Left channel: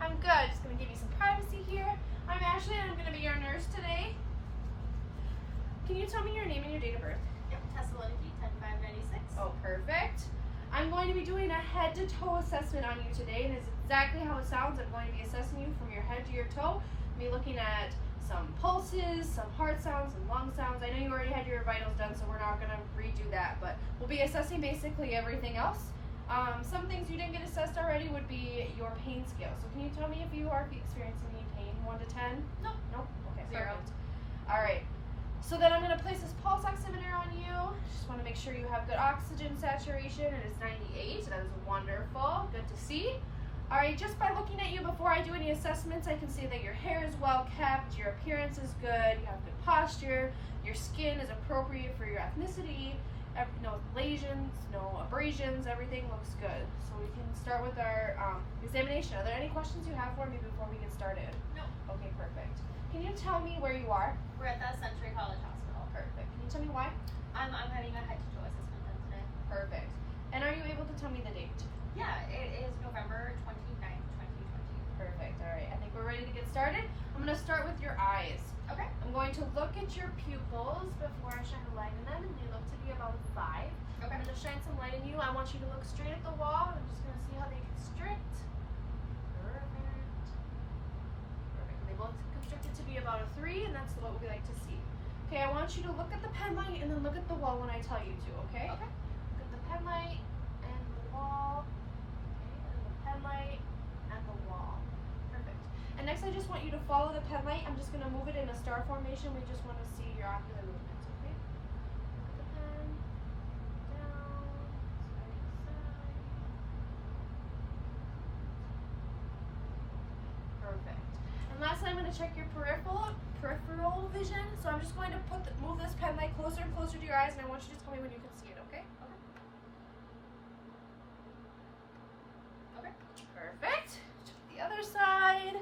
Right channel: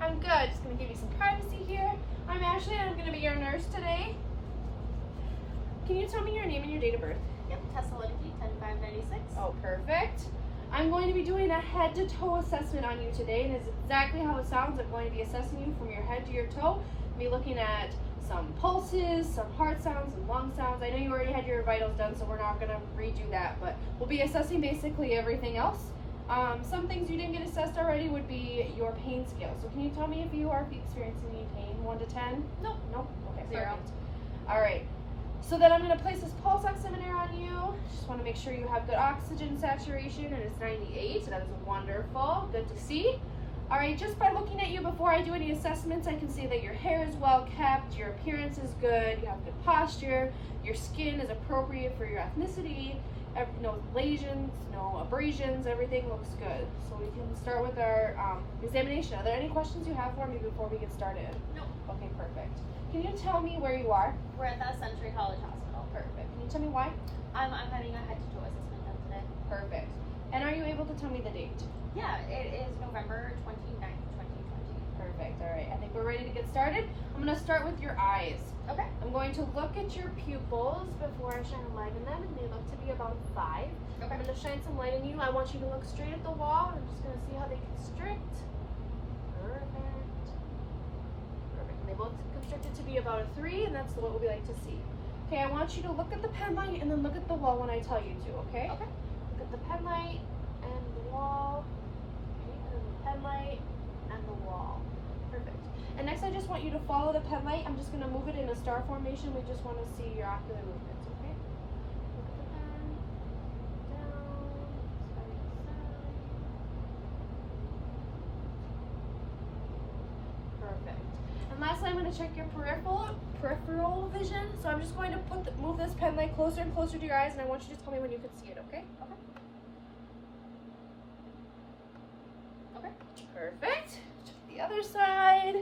I'm good. Just going to give you some privacy here. I'm Ashley and I'm going to be your nurse today. Can you tell me your name and your date of birth? Yep, Tessa Lineky, 10596. Oh, perfect. I'm going to be doing a head to toe assessment on you today, and it's exactly how it sounds. I'm going to be assessing you from your head to your toe. I'll be looking at some pulses, some heart sounds, some lung sounds. I know you already had your vitals done, so we're not going to redo that, but we'll be assessing basically everything else. Some things you didn't get assessed already would be your pain scale. So can you tell me if you are experiencing any pain, 1 to 10? Nope. Nope. Okay, 0. perfect. All right. So then I'm going to place this pulse oximeter on you. Just want to make sure you have good oxygen saturation, and it's 98. That is wonderful. Good to see. All right, just by looking at you before I do any assessments, I can see that your hair is well kept, your appearance is good, you have good posture, your skin is appropriate for your ethnicity, no lesions, no abrasions, everything looks good. So we can start with our examination. Are there any questions you have for me before we get started? No. Okay, perfect. Can you tell me where you are? We're at that Century College Hospital. Perfect. Can you tell me why? I'm having a head to toe assessment done today. Perfect. And are you able to tell me the date? Yeah, it is November 29th, 2020. Perfect. All right. I think we're ready to get started. I'm going to start with your eyes. Okay. I'm going to look at your pupils before I shine a light in them, and they look to be about 5. Okay. I'm going to shine some light in you. I want you to look straight at the wall. I'm just going to see how they constrict. Perfect. Perfect. And they both constricted to be about a 3, and that's what we like to see. Okay, I want you to look at the pen light and then look at the wall when I tell you to, okay? Okay. Look at the pen light and the wall. Okay, and then the pen light and the wall. Perfect. And next I just want you to follow the pen light. I'm just going to move it in a star formation. We just want to see your ocular movements, okay? Look at the pen. Down. Side to side. Perfect. And lastly, I'm going to check your peripheral vision. So I'm just going to move this pen light closer and closer to your eyes, and I want you to tell me when you can see it, okay? Okay. Okay. Perfect. Check the other side.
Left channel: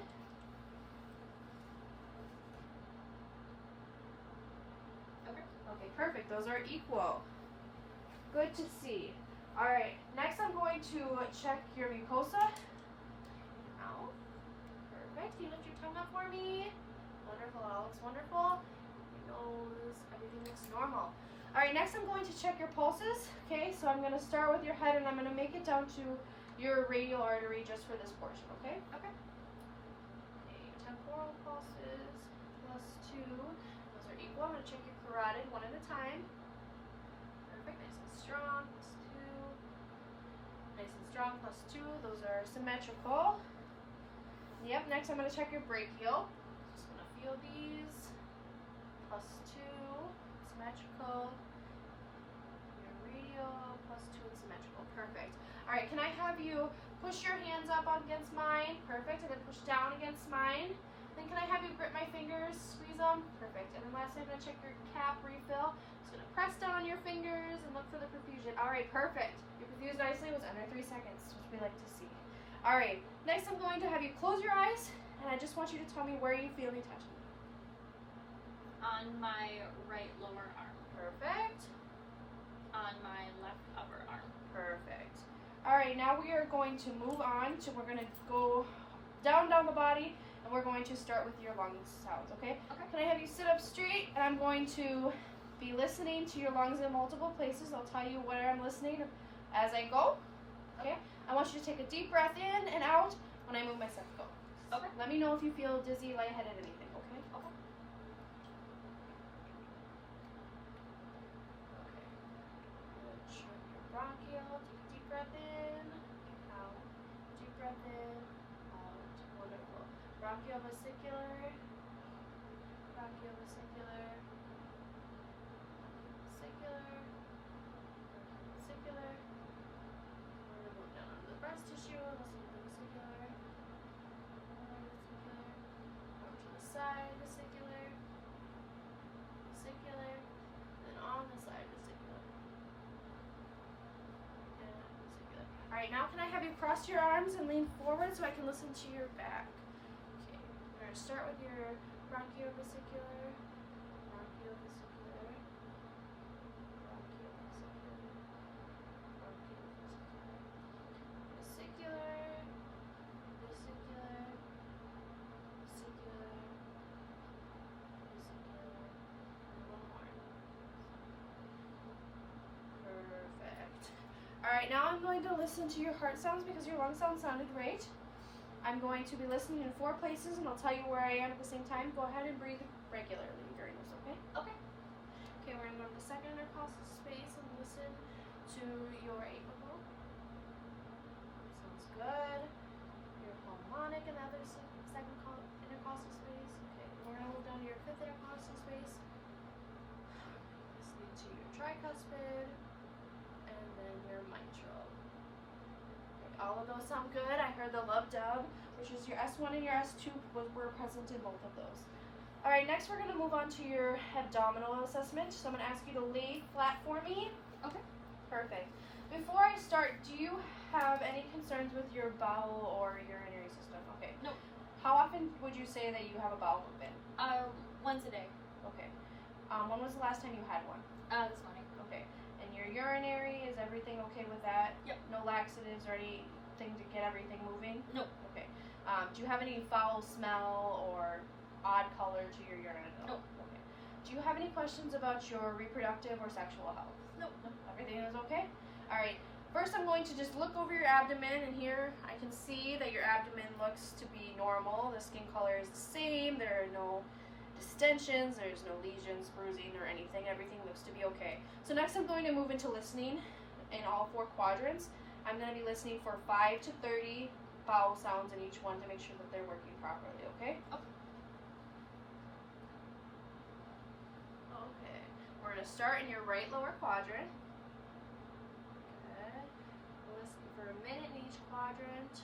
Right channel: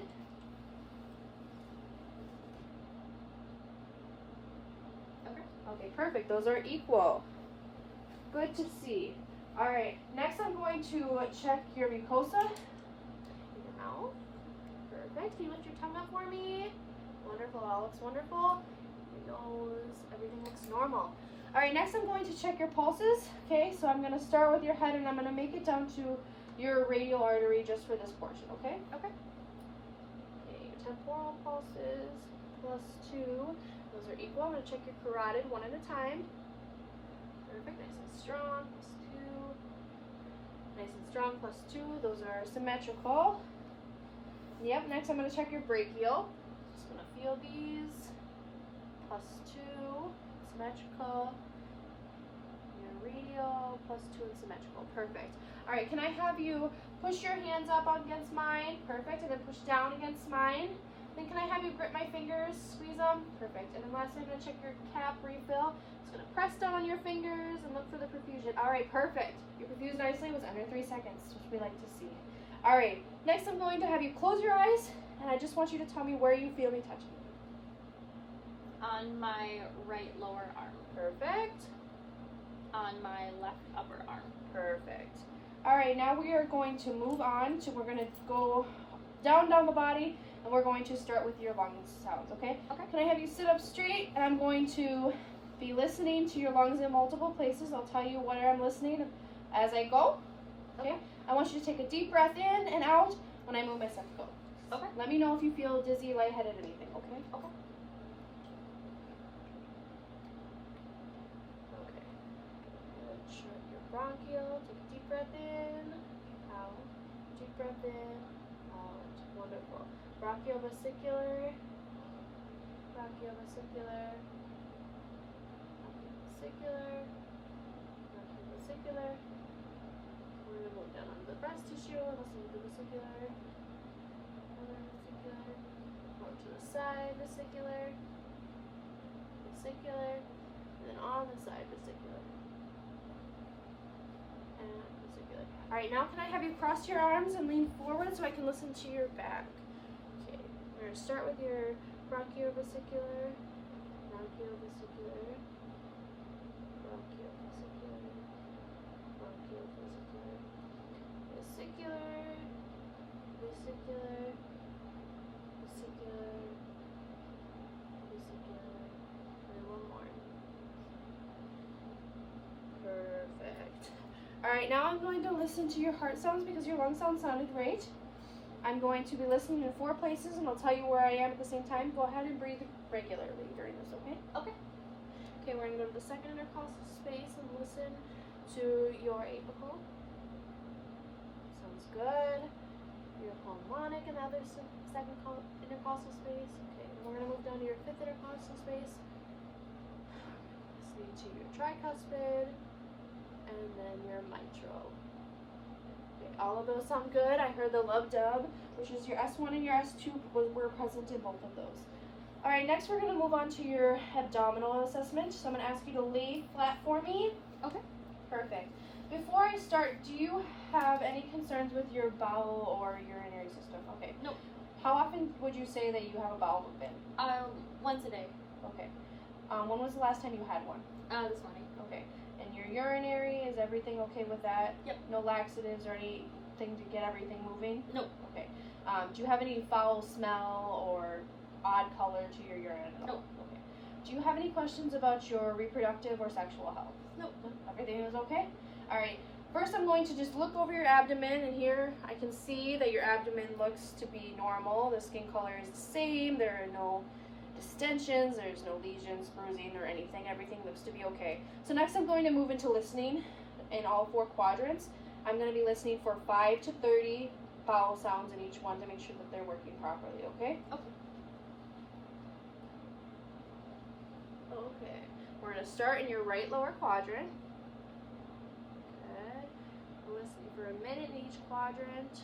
Okay. Okay, perfect. Those are equal. Good to see. All right, next I'm going to check your mucosa in your mouth. Perfect. Can you lift your tongue up for me? Wonderful. All looks wonderful. Your nose, everything looks normal. All right, next I'm going to check your pulses. Okay, so I'm going to start with your head, and I'm going to make it down to your radial artery just for this portion, okay? Okay. Okay, your temporal pulses +2. Those are equal. I'm going to check your carotid one at a time. Perfect. Nice and strong. +2. Nice and strong. +2. Those are symmetrical. Yep. Next, I'm going to check your brachial. Just going to feel these. +2. Symmetrical. Your radial. +2 and symmetrical. Perfect. All right. Can I have you push your hands up against mine? Perfect. And then push down against mine. Then can I have you grip my fingers, squeeze them? Perfect. And then lastly, I'm going to check your cap refill. Just going to press down on your fingers and look for the perfusion. All right, perfect. You perfused nicely. It was under 3 seconds, which we like to see. All right, next I'm going to have you close your eyes, and I just want you to tell me where you feel me touching. On my right lower arm. Perfect. On my left upper arm. Perfect. All right, now we are going to move on to, we're going to go down the body, and we're going to start with your lung sounds, okay? Okay. Can I have you sit up straight, and I'm going to be listening to your lungs in multiple places. I'll tell you where I'm listening as I go, okay? I want you to take a deep breath in and out when I move my stethoscope. Okay. Let me know if you feel dizzy, lightheaded, anything, okay? Okay. Okay. Good. Shut your bronchial. Take a deep breath in, out. Deep breath in, out. Wonderful. Brachiovesicular. Brachiovesicular. Brachiovesicular. Brachiovesicular. We're going to move down onto the breast tissue. Listen to the vesicular. Vesicular. More to the side, vesicular. Vesicular. And then on the side, vesicular. And vesicular. Alright, now can I have you cross your arms and lean forward so I can listen to your back? Okay, we're going to start with your brachiovesicular. Brachiovesicular. Brachiovesicular. Brachiovesicular. Vesicular. Vesicular. Alright, now I'm going to listen to your heart sounds because your lung sound sounded great. I'm going to be listening in 4 places and I'll tell you where I am at the same time. Go ahead and breathe regularly during this, okay? Okay. Okay, we're going to go to the second intercostal space and listen to your apical. Sounds good. Your pulmonic and the other second intercostal space. Okay, we're going to move down to your fifth intercostal space. Listening to your tricuspid and then your mitral. Okay, all of those sound good. I heard the lub dub, which is your S1 and your S2 were present in both of those. All right, next we're going to move on to your abdominal assessment. So I'm going to ask you to lay flat for me. Okay. Perfect. Before I start, do you have any concerns with your bowel or urinary system? Okay. Nope. How often would you say that you have a bowel movement? Once a day. Okay. When was the last time you had one? This morning. Okay. And your urinary, is everything okay with that? Yep. No laxatives or anything to get everything moving? Nope. Okay. Do you have any foul smell or odd color to your urine? Nope. Okay. Do you have any questions about your reproductive or sexual health? Nope. Everything is okay? Alright. First I'm going to just look over your abdomen, and here I can see that your abdomen looks to be normal. The skin color is the same. There are no distensions, there's no lesions, bruising, or anything. Everything looks to be okay. So next I'm going to move into listening in all 4 quadrants. I'm going to be listening for 5 to 30 vowel sounds in each one to make sure that they're working properly, okay? Okay. Okay. We're going to start in your right lower quadrant. Good. Listen for a minute in each quadrant.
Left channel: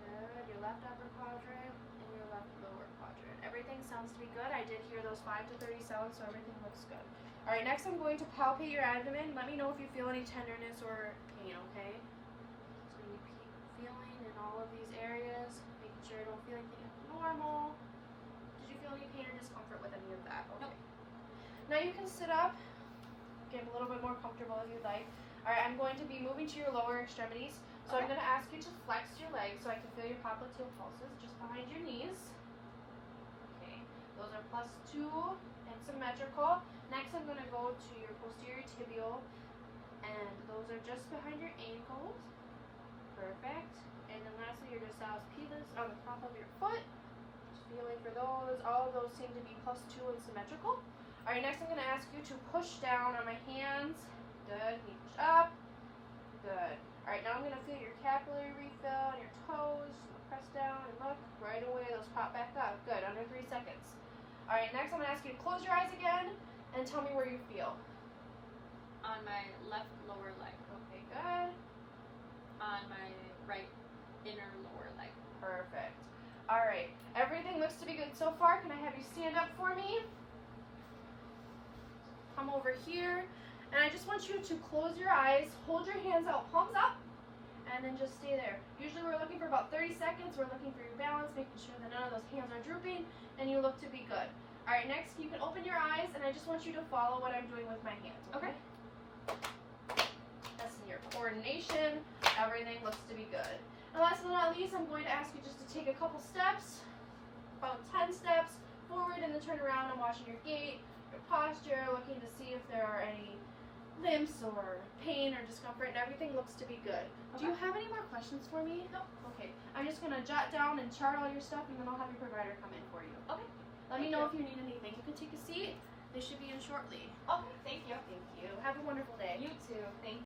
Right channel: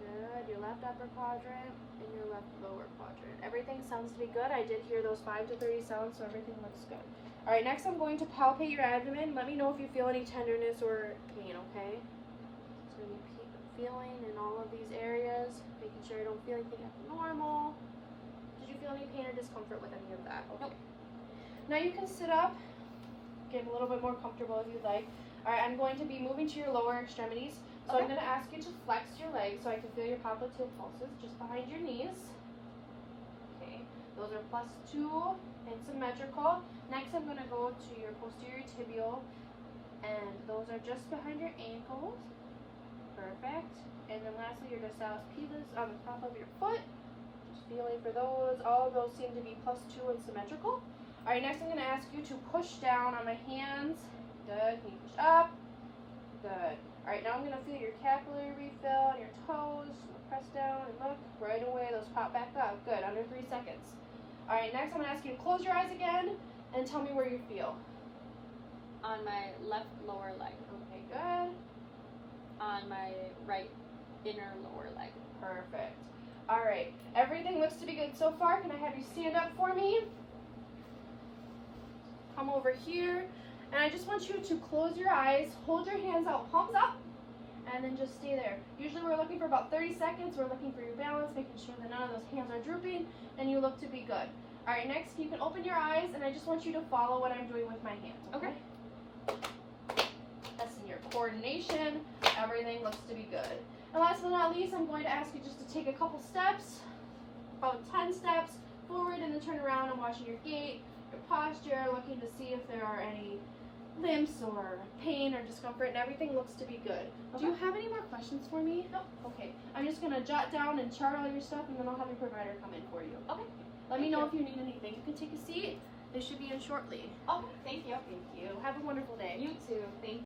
Good. Your left upper quadrant and your left lower quadrant. Everything sounds to be good. I did hear those 5 to 30 sounds, so everything looks good. Alright, next I'm going to palpate your abdomen. Let me know if you feel any tenderness or pain, okay? It's going to be feeling in all of these areas, making sure you don't feel anything abnormal. Did you feel any pain or discomfort with any of that? Okay. Nope. Now you can sit up, get a little bit more comfortable if you'd like. Alright, I'm going to be moving to your lower extremities. So I'm Okay. going to ask you to flex your legs so I can feel your popliteal pulses just behind your knees. Okay, those are +2 and symmetrical. Next I'm going to go to your posterior tibial, and those are just behind your ankles. Perfect. And then lastly your dorsalis pelvis on the top of your foot. Just feeling for those. All of those seem to be +2 and symmetrical. Alright, next I'm going to ask you to push down on my hands. Good. Can you push up? Good. Alright, now I'm going to feel your capillary refill on your toes. Press down and look. Right away, those pop back up. Good. Under 3 seconds. Alright, next I'm going to ask you to close your eyes again and tell me where you feel. On my left lower leg. Okay, good. On my right inner lower leg. Perfect. Alright, everything looks to be good so far. Can I have you stand up for me? Come over here. And I just want you to close your eyes, hold your hands out, palms up, and then just stay there. Usually we're looking for about 30 seconds. We're looking for your balance, making sure that none of those hands are drooping, and you look to be good. Alright, next you can open your eyes, and I just want you to follow what I'm doing with my hands. Okay. That's in your coordination. Everything looks to be good. And last but not least, I'm going to ask you just to take a couple steps, about 10 steps forward, and then turn around. I'm watching your gait, your posture, looking to see if there are any limps or pain or discomfort, and everything looks to be good. Do you Okay. have any more questions for me? No. Okay. I'm just going to jot down and chart all your stuff, and then I'll have your provider come in for you. Okay. Let me Thank know you. if you need anything. You can take a seat. They should be in shortly. Okay, thank you. Thank you. Have a wonderful day. You too. Thank you.